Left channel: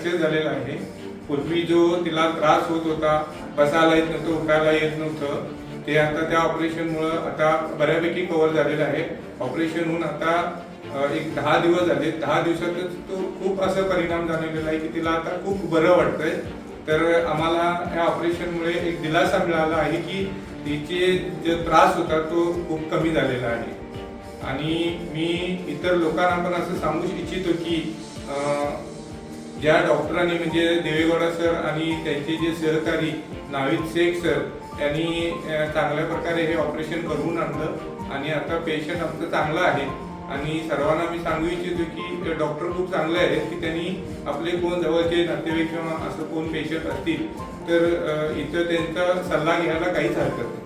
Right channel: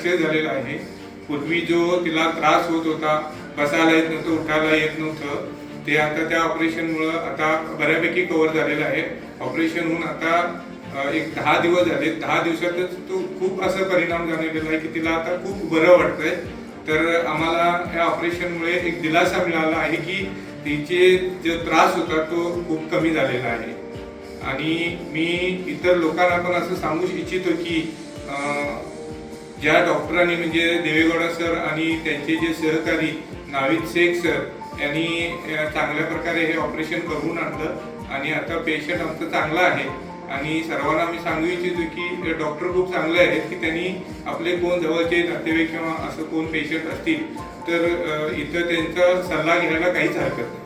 Success झालेला आहे. पूर्वी जो तिला त्रास होत होता, बसायला येत नव्हतं, उठायला येत नव्हतं, ते आता त्या ऑपरेशनमुळं आता बऱ्यापैकी कव्हर झालेलं आहे. ऑपरेशन होऊन आता एक 10 दिवस झाले. 10 दिवसातच तो खूप असा परिणाम झालेला आहे की तिला आता खूप बरं वाटतंय. तर आम्हाला या ऑपरेशनमुळे एक दिलासा मिळाला आहे की तिचे जो त्रास होता तो खूप कमी झालेला आहे. आणि मी इतर लोकांना पण असं सांगू इच्छितो की ज्या डॉक्टरांनी म्हणजे देवेगौडा सर आणि त्यांचे जे सहकारी नाविद शेख सर यांनी चांगल्या प्रकारे हे ऑपरेशन करून आणलं आणि आता पेशंट आमचं चांगलं आहे. आणि सर्वांना मी सांगू इच्छितो की डॉक्टर खूप चांगले आहेत की त्यांनी आपले कोण जवळचे नातेवाईक किंवा असं कोण पेशंट असतील तर इथं त्यांचा सल्ला घ्यायला काहीच हरकत नाही.